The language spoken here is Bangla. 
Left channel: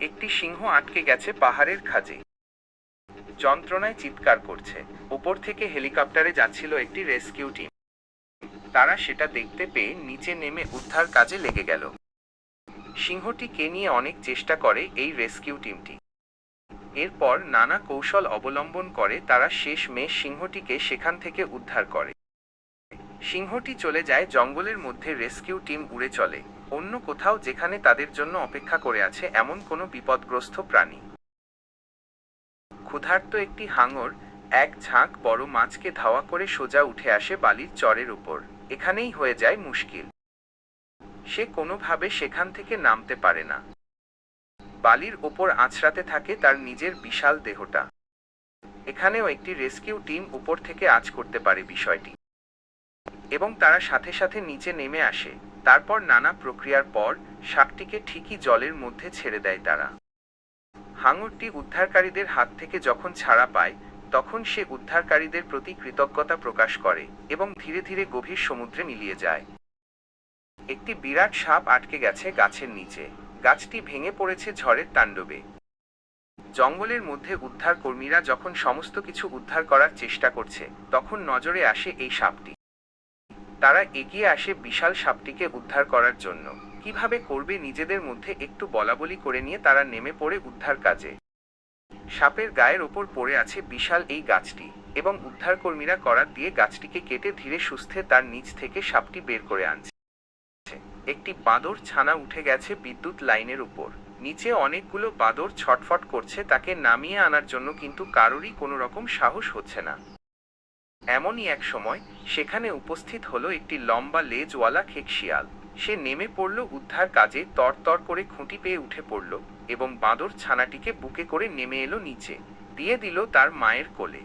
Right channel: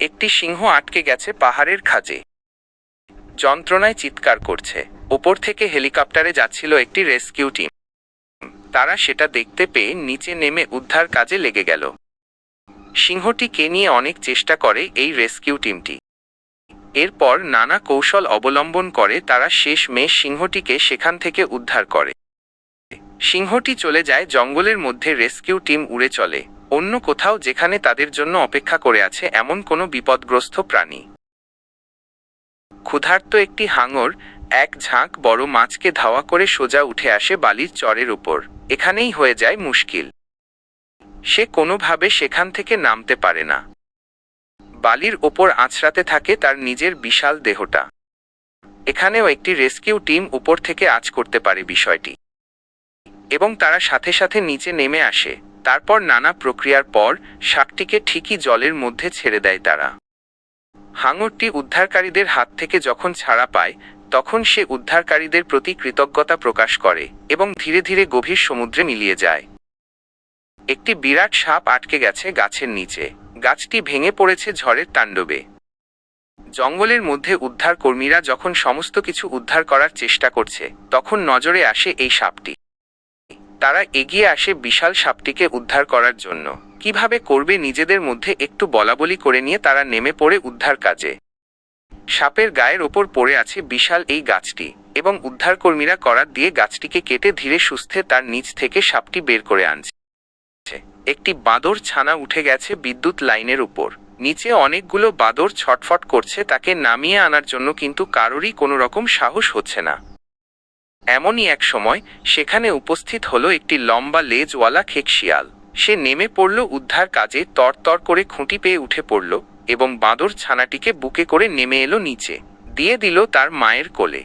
একটি সিংহ আটকে গেছে পাহাড়ের খাঁজে, যন্ত্রণায় চিৎকার করছে। ওপর থেকে হেলিকপ্টারে যাচ্ছিল একটি রেস্কিউ টিম। তারা সেটা দেখতে পেয়ে নিচে নেমে উদ্ধার কাজে লেগে গেল। সিংহটিকে নিয়ে অনেক চেষ্টা করে এই রেস্কিউ টিমটি। এরপর নানা কৌশল অবলম্বন করে তারা শেষমেশ সিংহটিকে সেখান থেকে উদ্ধার করে। সিংহটি চলে যায় জঙ্গলের মধ্যে, রেস্কিউ টিম উড়ে চলে অন্য কোথাও যেখানে তাদের জন্য অপেক্ষা করে আছে এমন কোনো বিপদগ্রস্ত প্রাণী। ক্ষুধার্ত একটি হাঙর এক ঝাঁক বড় মাছকে ধাওয়া করে সোজা উঠে আসে বালির চরের উপর। এখানেই হয়ে যায় মুশকিল। সে কোনোভাবে সেখান থেকে নামতে পারে না। বালির ওপর আছড়াতে থাকে তার নিজের বিশাল দেহটা। এখানেও একটি রেস্কিউ টিম উপর থেকে আঁচ করতে পারে বিষয়টি, এবং তারা সাথে সাথে নিচে নেমে আসে। তারপর নানা প্রক্রিয়ার পর শাকটিকে ঠিকই জলের মধ্যে ছেড়ে দেয় তারা। হাঙরটি উদ্ধারকারীদের হাত থেকে যখন ছাড়া পায় তখন সে উদ্ধারকারীদের প্রতি কৃতজ্ঞতা প্রকাশ করে এবং ধীরে ধীরে গভীর সমুদ্রে মিলিয়ে যায়। একটি বিরাট সাপ আটকে গেছে গাছের নিচে। গাছটি ভেঙে পড়েছে ঝড়ের তাণ্ডবে। জঙ্গলের মধ্যে উদ্ধার কর্মীরা যখন সমস্ত কিছু উদ্ধার করার চেষ্টা করছে তখন নজরে আসে এই সাপটি। তারা এগিয়ে আসে বিশাল সাপটিকে উদ্ধার করার জন্য। কিভাবে করবে নিজেদের মধ্যে একটু বলাবলি করে নিয়ে তারা নেমে পড়ে উদ্ধার কাজে। সাপের গায়ের ওপর পড়ে আছে বিশাল এই গাছটি, এবং উদ্ধারকর্মীরা করাত দিয়ে গাছটিকে কেটে ধীরে সুস্থে তার নিচ থেকে সাপটি বের করে আনছে। একটি বাঁদর ছানা উঠে গেছে বিদ্যুৎ লাইনের উপর। নিচে অনেকগুলো বাঁদর ছটফট করছে তাকে নামিয়ে আনার জন্য, কিন্তু কারোরই কোনো রকম সাহস হচ্ছে না। এমনই এক সময় সেখানে উপস্থিত হলো একটি লম্বা লেজওয়ালা খেকশিয়াল। সে নেমে পড়ল উদ্ধার কাজে, তরতর করে খুঁটি পেয়ে উঠে পড়ল এবং বাঁদর ছানাটিকে বুকে করে নেমে এলো নিচে, দিয়ে দিল তার মায়ের কোলে।